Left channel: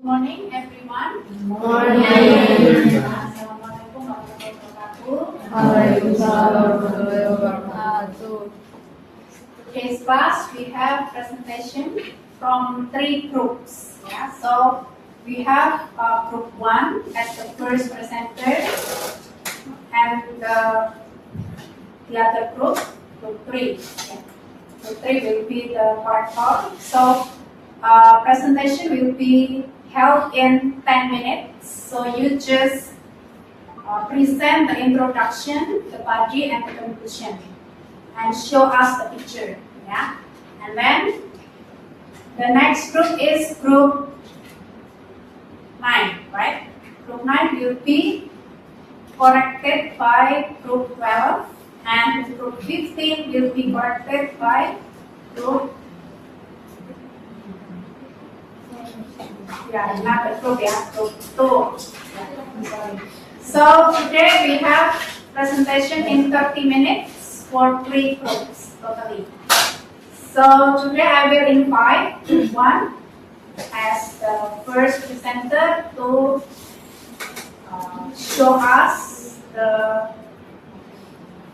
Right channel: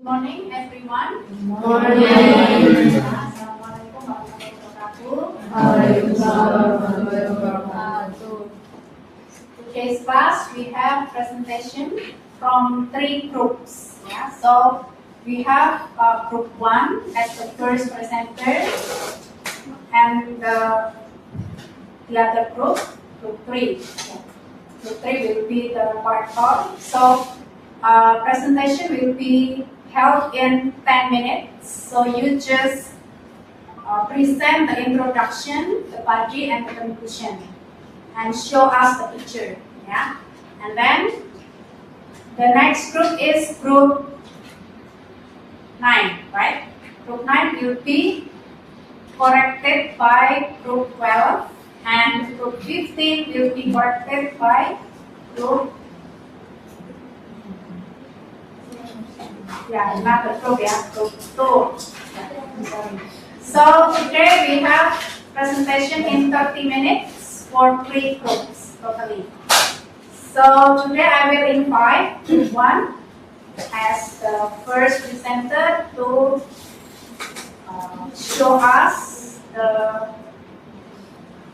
Good morning, everyone. Good morning. Assalamualaikum warahmatullahi wabarakatuh. Waalaikumsalam warahmatullahi wabarakatuh. Today's class we have presentation from 3 groups. Yeah, so we have group 1 as the first presenter, and the other group 3. Yeah. Group 3 will be the corrector. So presentation will be held in 10 minutes. So you just present the introduction, the body, and the conclusion, and show us the picture. Yeah, and then the next group is group 9, right? Group 9 will be corrected by group 12, and group 15 will be corrected by group. Yeah, not the group, yeah, group 2. So today we have presentation in 30 minutes for 3 groups totally. So today I will invite group 1 as the first presenter to show us the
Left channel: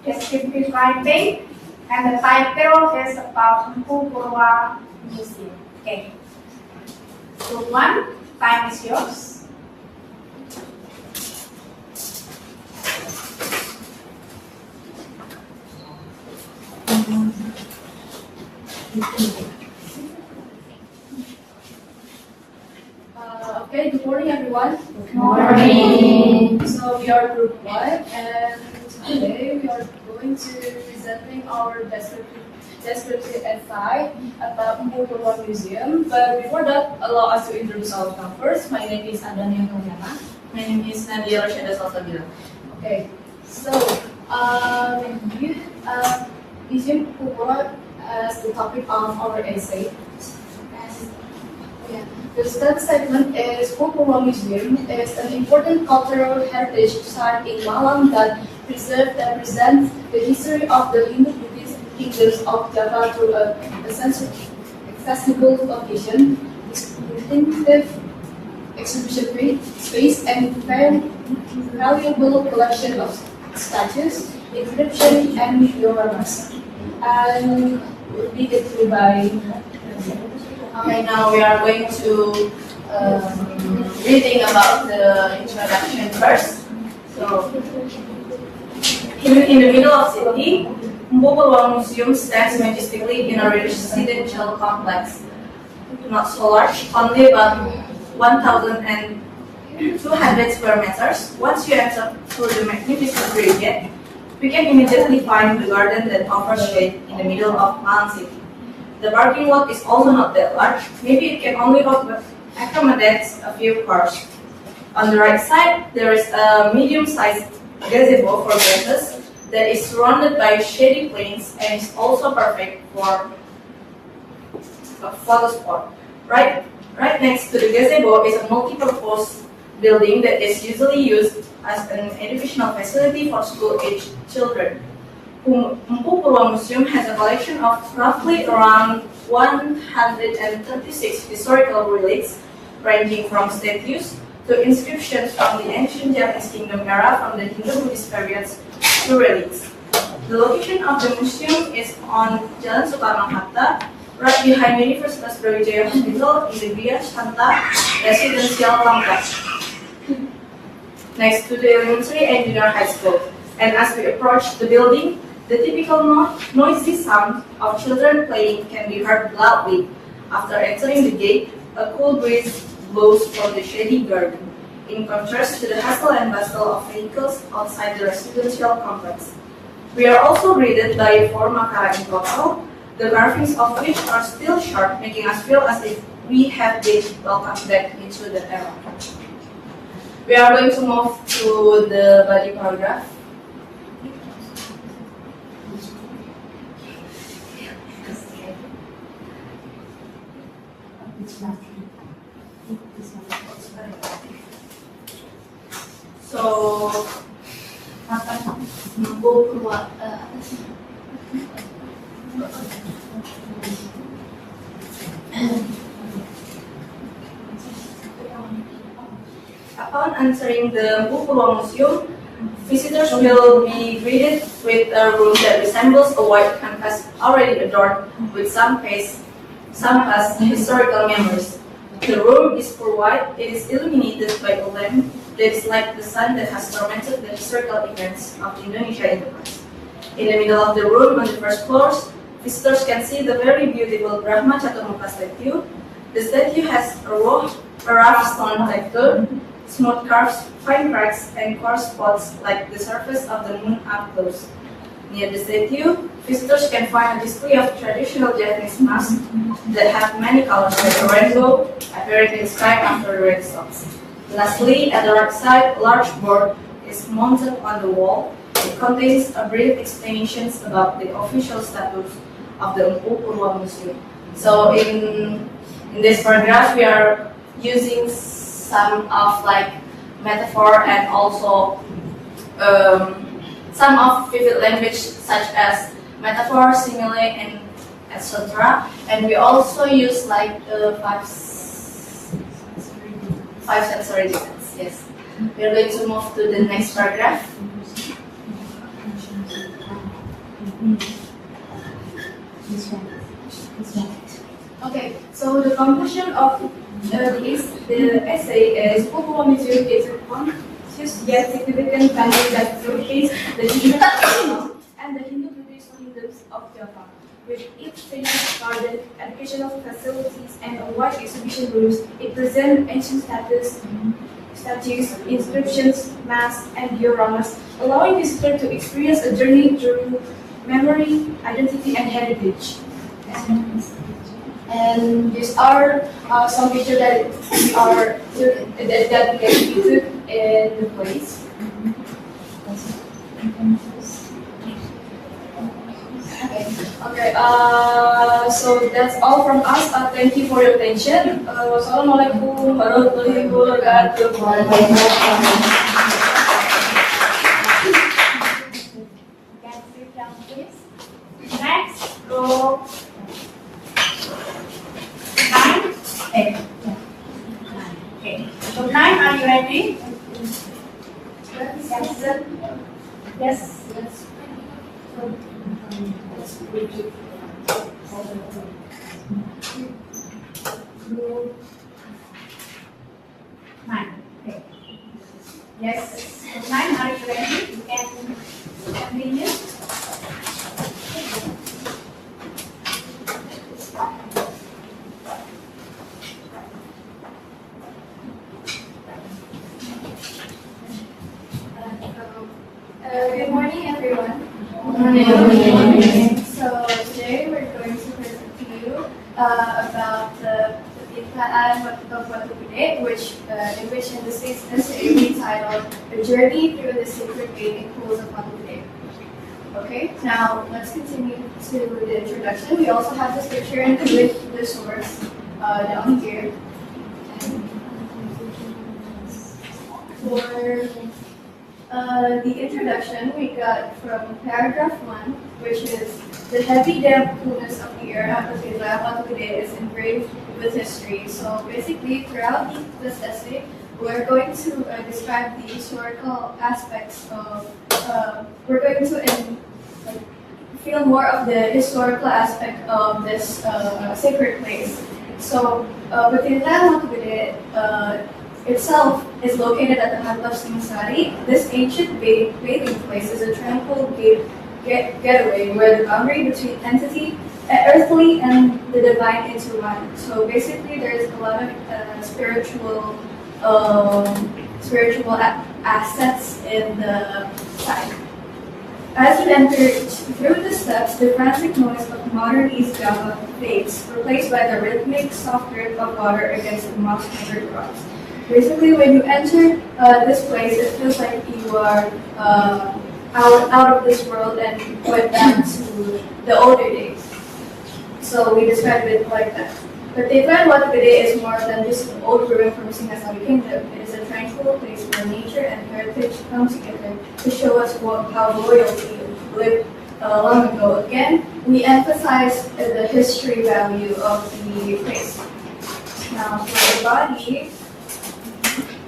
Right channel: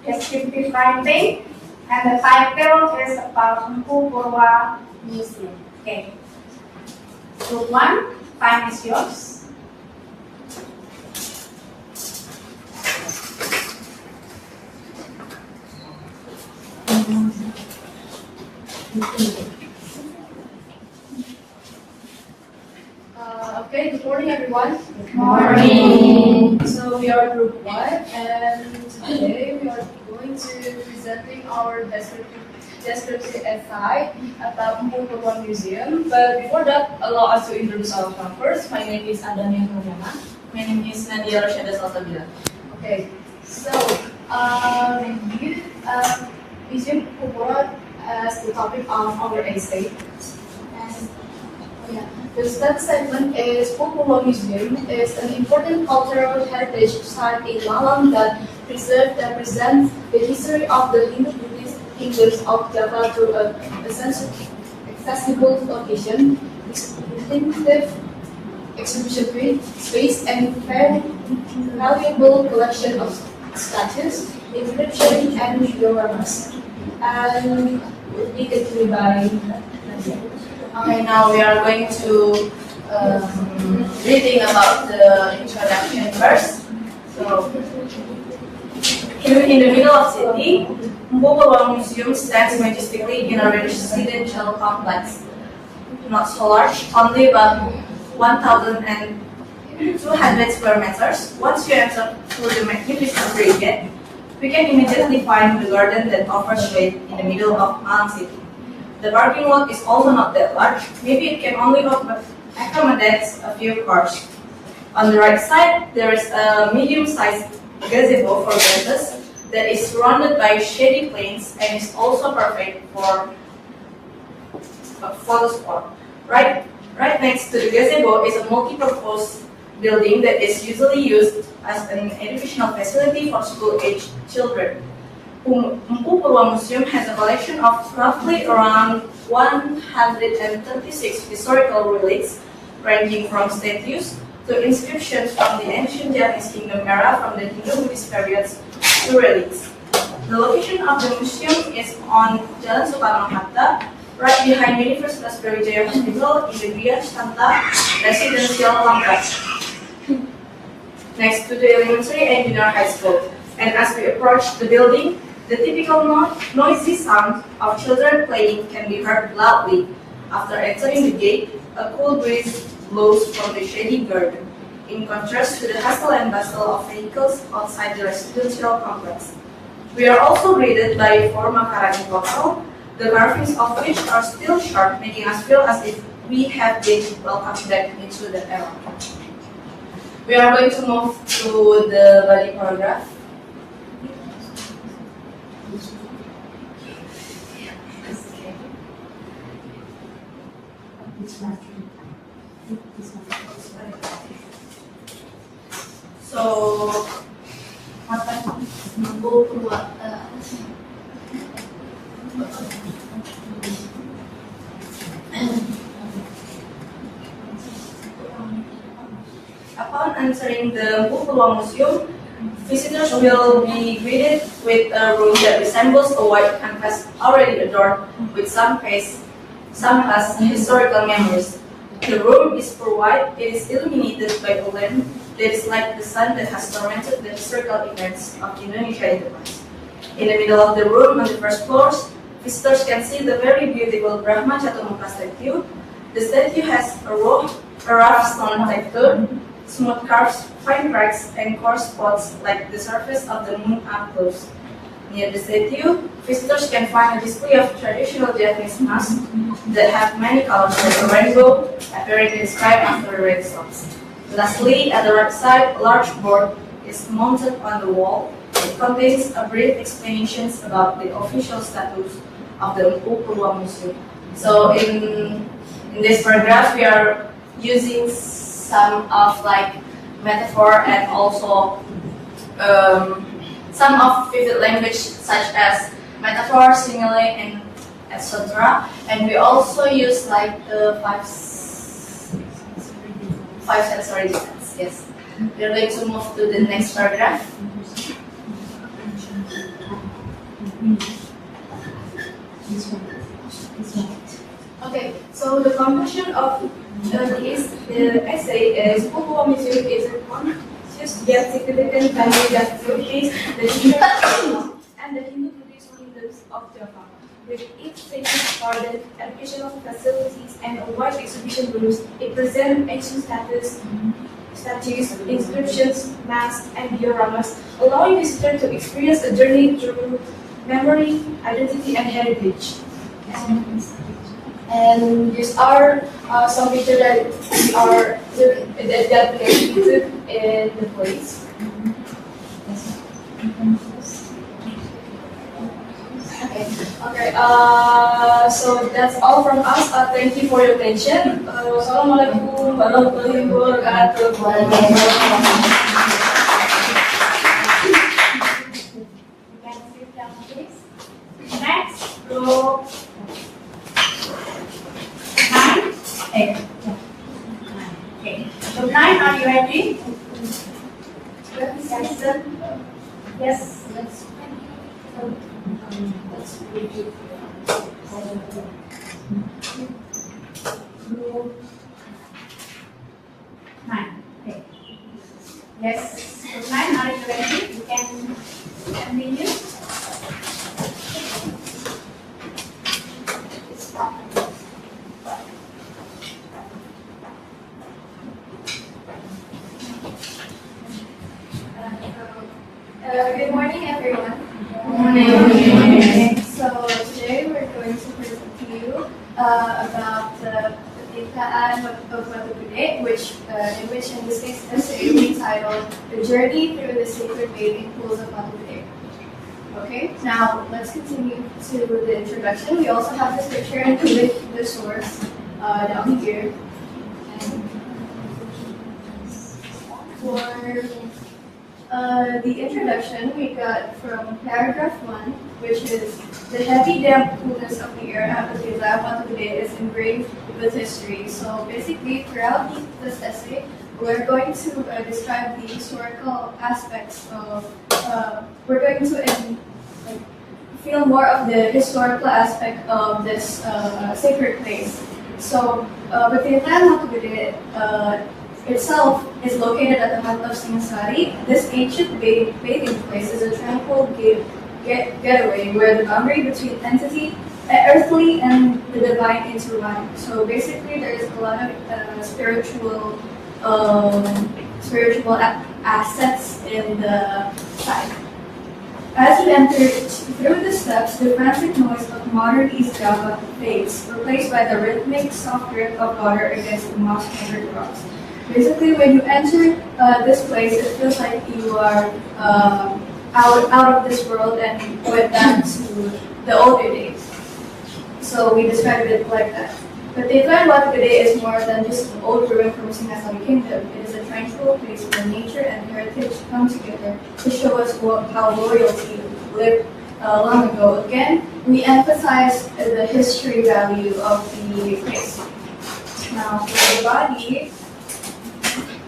descriptive writing, and the title is about Empu Purwa Museum. Okay. Group 1, time is yours. Okay, good morning everyone. Good morning. So we are group 1 and today we are going to presenting our descriptive essay about Empu Purwa Museum. But before that, allow us to introduce ourselves first. My name is Adania Nurjana. My name is Nadia Roshada Salsabila. Okay, so review Museum Empu Purwa as the topic of our essay. The third segment is Empu Purwa Museum is an important cultural heritage site in Malang that preserves and presents the history of the Hindu-Buddhist kingdoms of Java through an accessible location, distinctive exhibition space, and valuable collection of statues, inscriptions, and dioramas. And will be continued by. Okay, now we are going to reading about the introduction first. So, in the middle of city, Empu Purwa Museum stands majestically in a residential complex, not so large, only about 1,200 square meters. Once you enter through the magnificent gate, we can immediately find the garden that offers shade in the middle of Malang City. The parking lot is also not that large. Maybe it can only accommodate a few cars. On the right side, there is a medium-sized gazebo for guests that is surrounded by shady plains and is also perfect for a photo spot. Right next to the gazebo is a multi-purpose building that is usually used as an educational facility for school-aged children. Empu Purwa Museum has a collection of roughly around 136 historical relics, ranging from statues to inscriptions from the ancient Japanese kingdom era from the Hindu-Buddhist periods to relics. The location of the museum is on Jalan Soekarno-Hatta, right behind Universitasbrawijaya Hospital in the Via Santa Residential Complex, next to the elementary and junior high school. And as we approach the building, the typical noisy sound of children playing can be heard loudly. After entering the gate, a cool breeze blows from the shady garden, in contrast to the hustle and bustle of vehicles outside the residential complex. We are also greeted by 4 makara in total, the carvings of which are still sharp, making us feel as if we have been welcomed back into that era. We are going to move to the body paragraph. So, Empu Purwa Upon entering the Pupuwa Museum, visitors will be greeted with a room that resembles a white canvas already adorned with some past historical memories. The room is pure white. It is illuminated by a lamp that is like the sun that has tormented the historical events of Indonesia in the past. In the middle of the room, on the first floor, visitors can see the very beautiful Brahma Caturmukha statue. The statue has a rough stone texture, smooth curves, fine cracks, and coarse spots like the surface of the moon up close. Near the statue, visitors can find a display of traditional Japanese masks that have many colors like a rainbow appearing in the sky after the rain stops. Lastly, at the right side, a large board is mounted on the wall. It contains a brief explanations about the official status of the Pupuwa Museum. So in this paragraph, we are using some of like metaphor and also some of vivid language such as metaphor, simile, and etc. And we also use like five sensory defense. Yes. We are going to move to the next paragraph. Okay, so the conclusion of the essay is Pupuwa Museum is a conscious yet significant value that showcases the human and the Hindu-Buddhist kingdoms of Java. With its sacred garden, educational facilities, and a wide exhibition rooms, it presents ancient statues, inscriptions, masks, and dioramas, allowing visitors to experience a journey through memory, identity, and heritage. And these are some pictures that we can took in the place. Okay. So that's all from us. Thank you for your attention. Wassalamualaikum warahmatullahi wabarakatuh. Can sit down, please. Next, group 9. Okay. So 9, are you ready? Yes. Nine. Okay. Yes. So 9, are you ready? You can continue. Good morning, everyone. So today we're going to present to you about the Pekaan of Batu Gede, in the 6th essay we titled "The Journey Through the Sacred Bathing Pools of Batu Gede." Okay, now let's continue to the introduction. We also have this picture and the source down here. And for the introduction we got from paragraph 1, which is the heavy damp coolness of the air at the Batu Gede is engraved with history. So basically, throughout this essay, we're going to describe the historical aspects of. We're going to feel more of the historical aspect of this sacred place. So, Batu Gede itself is located at the heart of Singasari. This ancient bathing place is a tranquil getaway where the boundary between earthly and the divine intertwine. So basically, there is a lot of spiritual assets in the site. As you enter through the steps, the frantic noise of modern East Java fades, replaced by the rhythmic soft drip of water against the moss-covered rocks. Basically, when you enter this place, it feels like you are out of this world and went back to the older days. So we described it like that. But the Batu Gede is more than just an old ruin from Singasari Kingdom. It is a tranquil place where nature and heritage come together to show us how royalty lived long ago. Again, we emphasize the history value of the place. Now, for the body,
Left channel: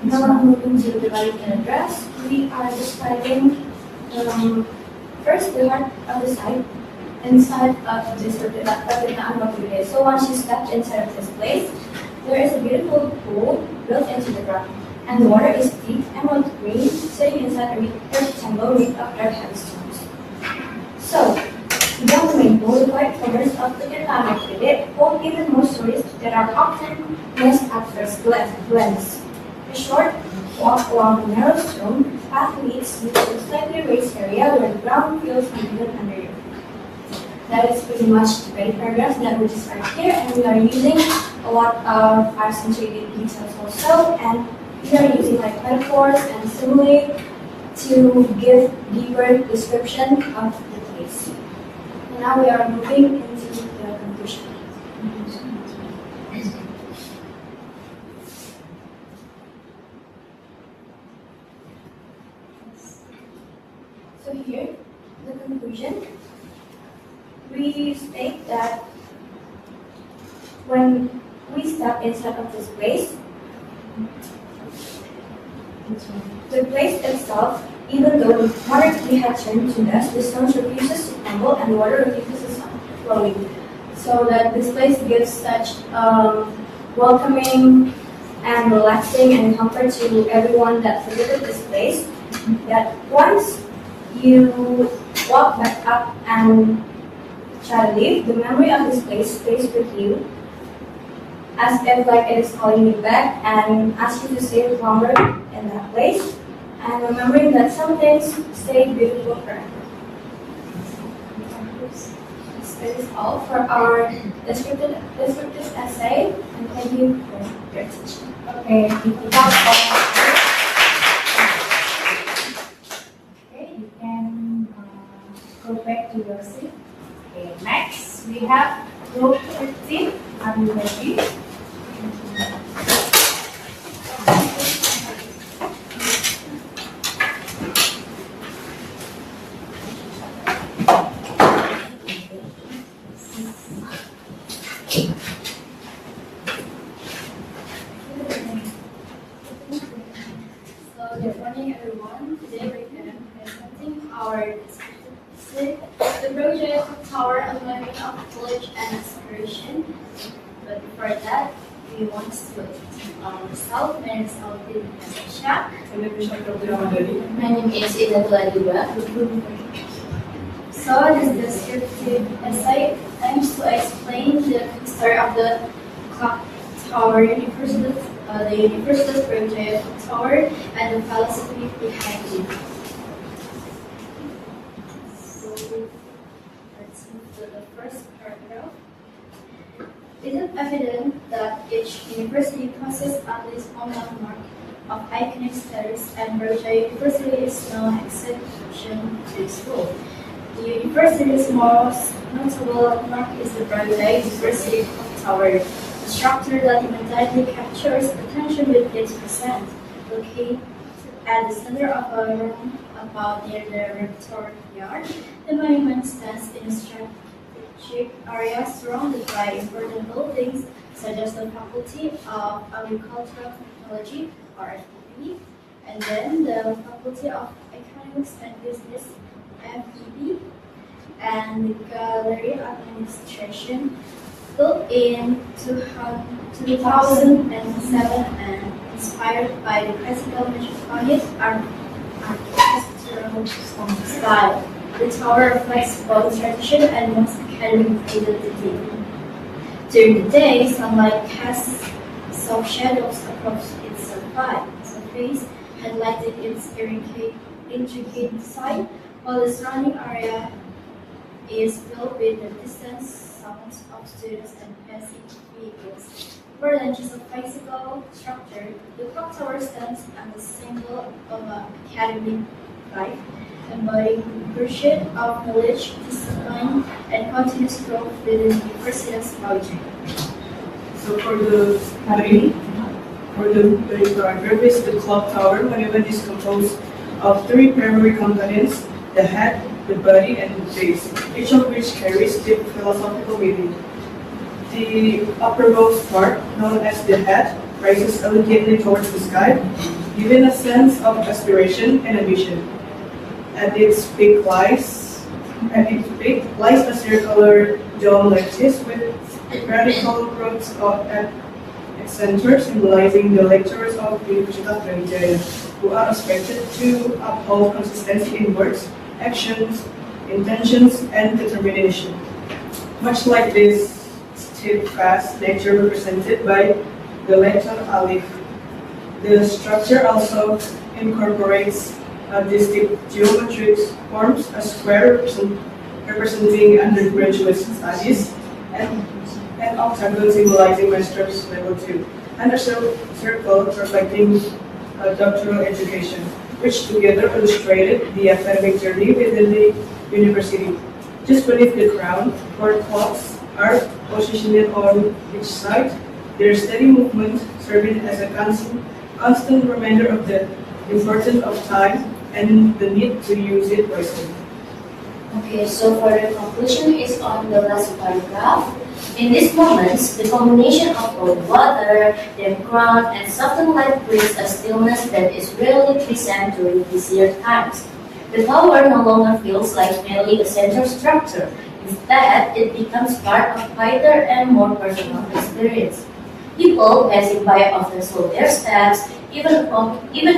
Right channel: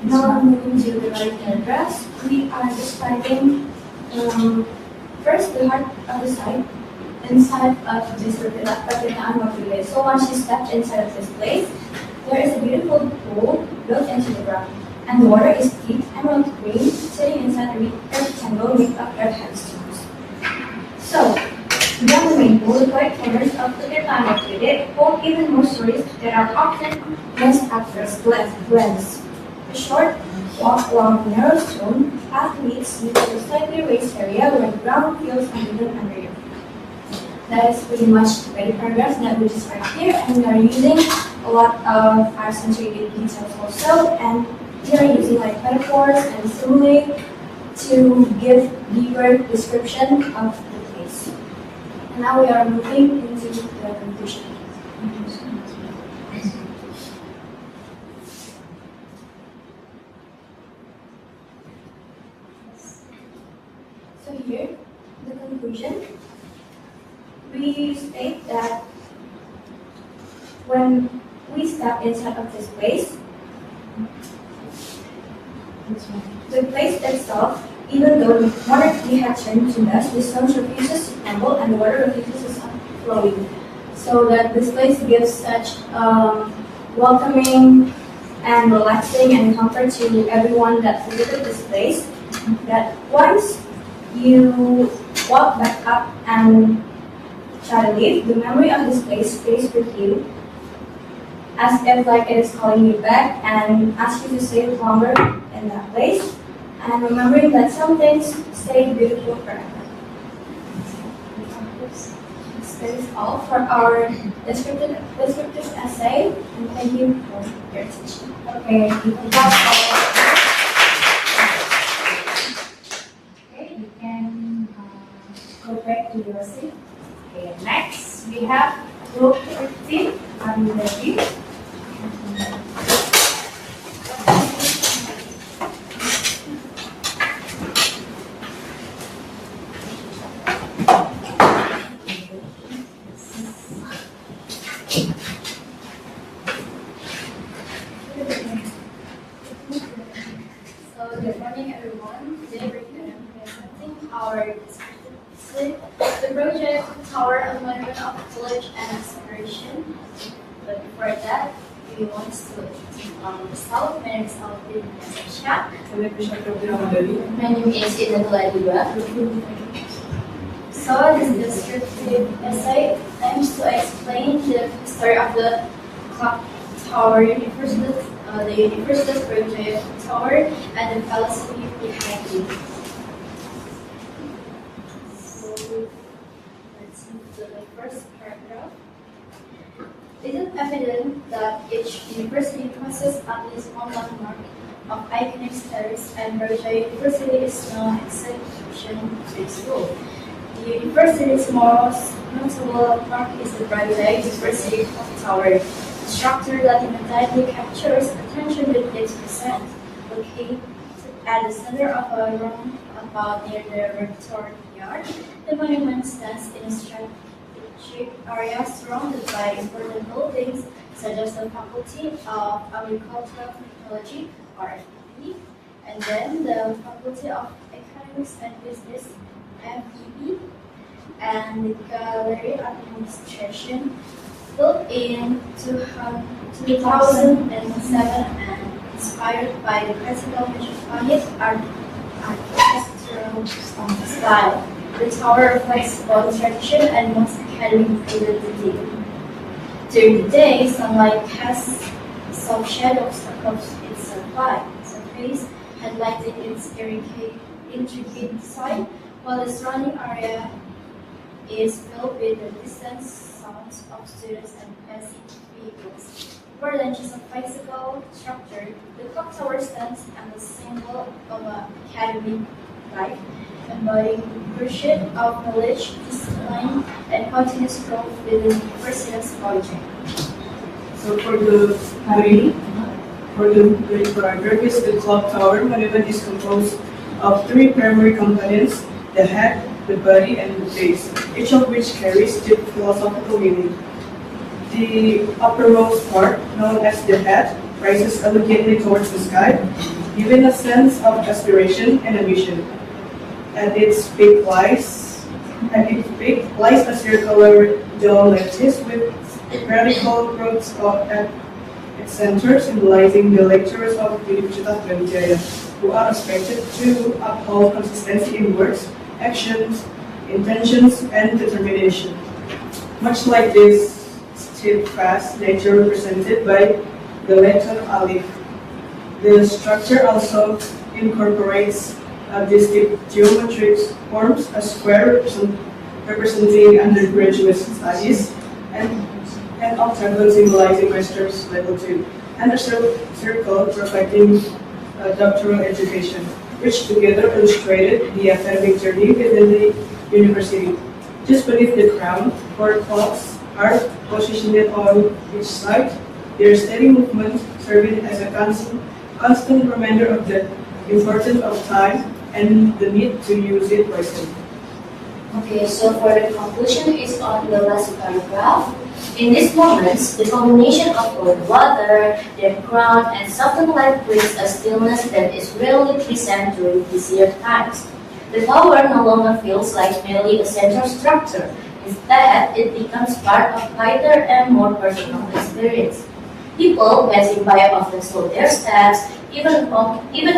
Now moving to the writing address, we are describing first the heart of the site inside of this Descriptive. So once you step inside of this place, there is a beautiful pool built into the ground, and the water is deep emerald green, sitting inside a rectangle made of red headstones. So, beyond the main pool, the quiet corners of the Descriptive hold even more stories that are often missed at first glance. A short walk along the narrow stone path leads you to a slightly raised area where the ground feels uneven under your feet. That is pretty much the main paragraphs that we described here, and we are using a lot of accentuated details also, and we are using like metaphors and simile to give deeper description of the place. And now we are moving into the conclusion. So here, the conclusion, we state that when we step inside of this place, the place itself, even though the water had turned to dust, the stones refuses to crumble and the water refuses to flowing. So that this place gives such welcoming and relaxing and comfort to everyone that visited this place, that once you walk back up and try to leave, the memory of this place stays with you, as if like it is calling you back and asks you to stay longer in that place, and remembering that some things stay beautiful forever. This is all for our descriptive essay, and thank you for your attention. Okay, okay, you can go back to your seat. Okay, next we have group 15. Are you ready? Good morning, everyone. Today we're presenting our the project Tower Alignment of Knowledge and Inspiration. But before that, we want to myself. My name is Selamat. My name is Ida Puji. So this descriptive essay aims to explain the history of the clock tower, the universitasbrawijaya tower, and the philosophy behind it. So let's move to the first paragraph. It is evident that each university possesses at least one landmark of iconic status, and Brawijaya University is no exception to this rule. The university's most notable landmark is the Brawijaya University Clock Tower, a structure that immediately captures attention with its present. Located at the center of a roundabout near the rectory yard, the monument stands in a strategic area surrounded by important buildings such as the Faculty of Agricultural Technology, (FAP), and then the Faculty of Economics and Business, (FEB), and the Gallery Administration, built in 2007 and inspired by the classical Metropolitan architectural style. The tower reflects both tradition and most academic identity. During the day, sunlight casts soft shadows across its surface, highlighting its intricate design, while the surrounding area is filled with the distant sounds of students and passing vehicles. For lunches of physical structure, the clock tower stands as a symbol of academic life, embodying pursuit of knowledge, discipline, and continuous growth within universitasbrawijaya. So for the paragraph is the clock tower monument is composed of three primary components: the head, the body, and the base, each of which carries deep philosophical meaning. The uppermost part, known as the head, rises elegantly towards the sky, giving a sense of aspiration and ambition. At its peak lies a circular dome like this with vertical growths at its center, symbolizing the lecturers of universitasbrawijaya, who are expected to uphold consistency in words, actions, intentions, and determination. Much like this steadfast nature represented by the letter alif, the structure also incorporates distinct geometric forms, a square representing undergraduate studies, and an octagon symbolizing master's level 2, and a circle reflecting doctoral education, which together illustrated the academic journey within the university. Just beneath the crown, 4 clocks are positioned on each side, their steady movement serving as a constant reminder of the importance of time and the need to use it wisely. Okay, so for the conclusion is on the last paragraph. In these moments, the combination of cold water, the ground, and softened light creates a stillness that is rarely present during busier times. The tower no longer feels like merely a central structure. Instead, it becomes part of quieter and more personal experience. People passing by often slow their steps, even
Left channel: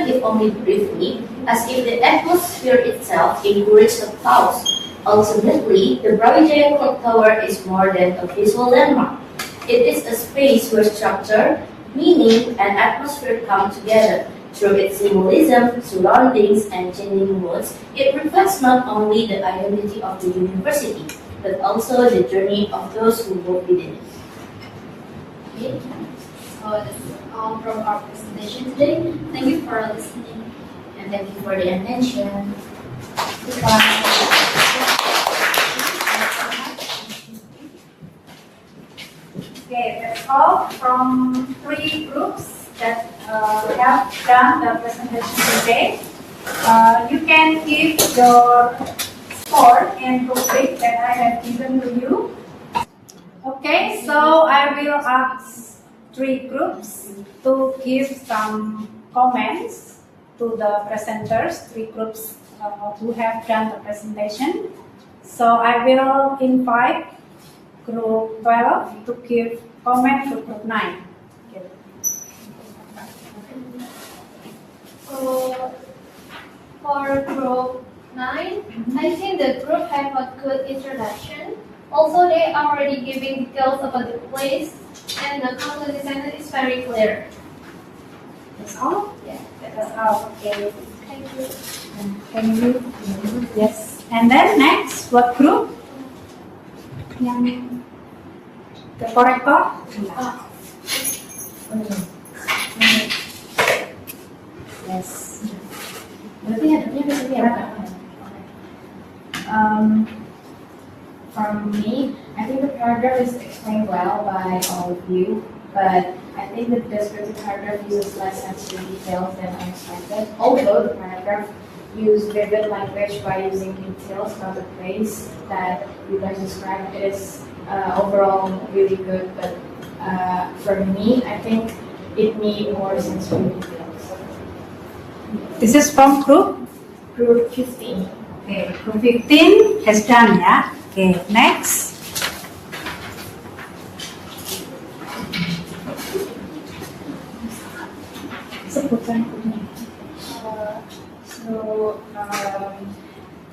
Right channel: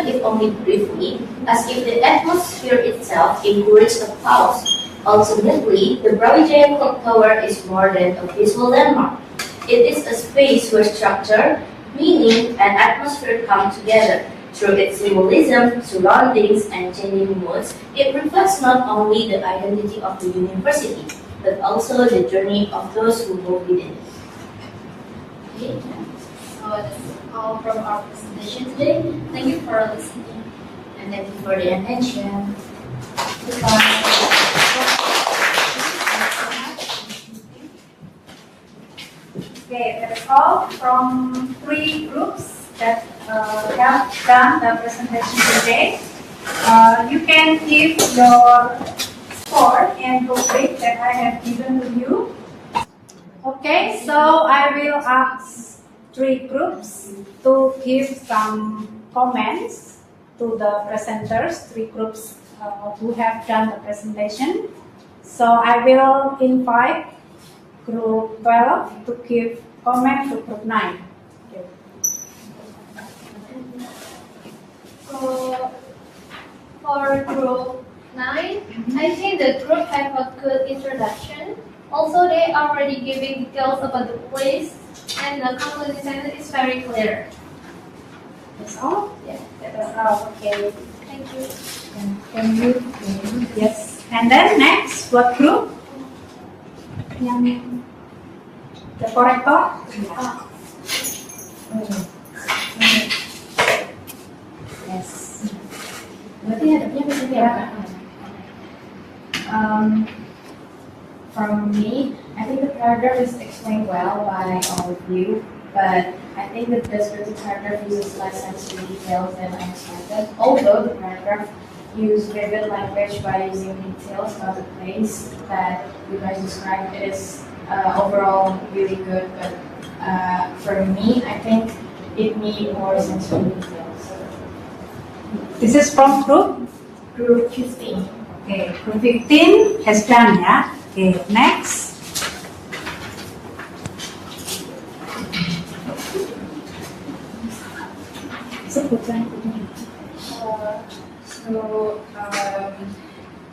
if only briefly, as if the atmosphere itself encourages a pause. Ultimately, the Brawijaya Clock Tower is more than a visual landmark. It is a space where structure, meaning, and atmosphere come together. Through its symbolism, surroundings, and changing moods, it reflects not only the identity of the university, but also the journey of those who move within it. Okay, so that's all from our presentation today. Thank you for listening, and thank you for the attention. Goodbye. Okay, that's all from 3 groups that have done the presentation today. You can give your score and rubric that I have given to you. Okay, so I will ask 3 groups to give some comments to the presenters, 3 groups who have done the presentation. So I will invite Group 12 to give comment to Group 9. Okay. So for Group 9, I think the group have a good introduction. Also, they are already giving details about the place, and the conclusion sentence is very clear. That's all? Yeah, That's all. Okay. thank you. Thank you. Yes. And then next, what group? Yang the corrector? Yes. Berarti hadapnya seperti apa? From me, I think the paragraph is explained well by all of you, but I think the descriptive paragraph uses less sensory details than I expected. Although the paragraph used vivid language by using details about the place that you guys described, it is overall really good. But for me, I think it needs more sensory details. This is from group? Group 15. Okay, group 15 has done, yeah? Okay, next. Sebutan.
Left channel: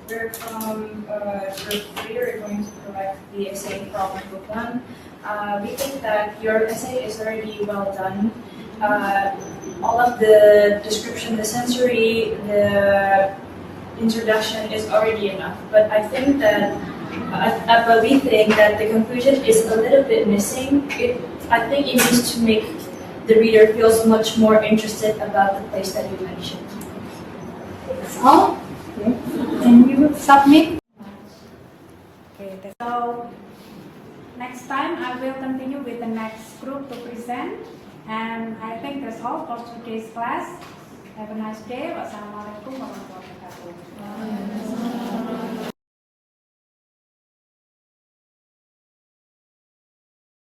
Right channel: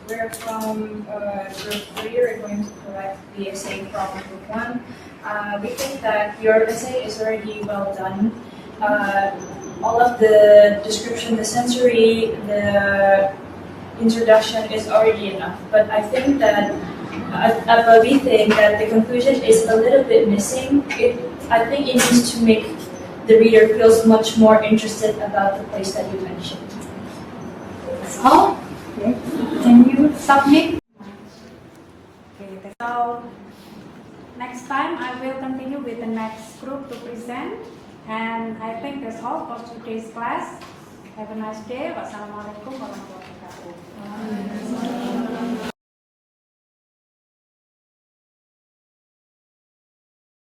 We're from group 3, we're going to correct the essay from group 1. We think that your essay is already well done. All of the description, the sensory, the introduction is already enough. But I think that, but we think that the conclusion is a little bit missing. I think it needs to make the reader feels much more interested about the place that you mentioned. That's all. Okay. Can you submit? Okay, so next time I will continue with the next group to present. And I think that's all for today's class. Have a nice day. Wassalamualaikum warahmatullahi wabarakatuh.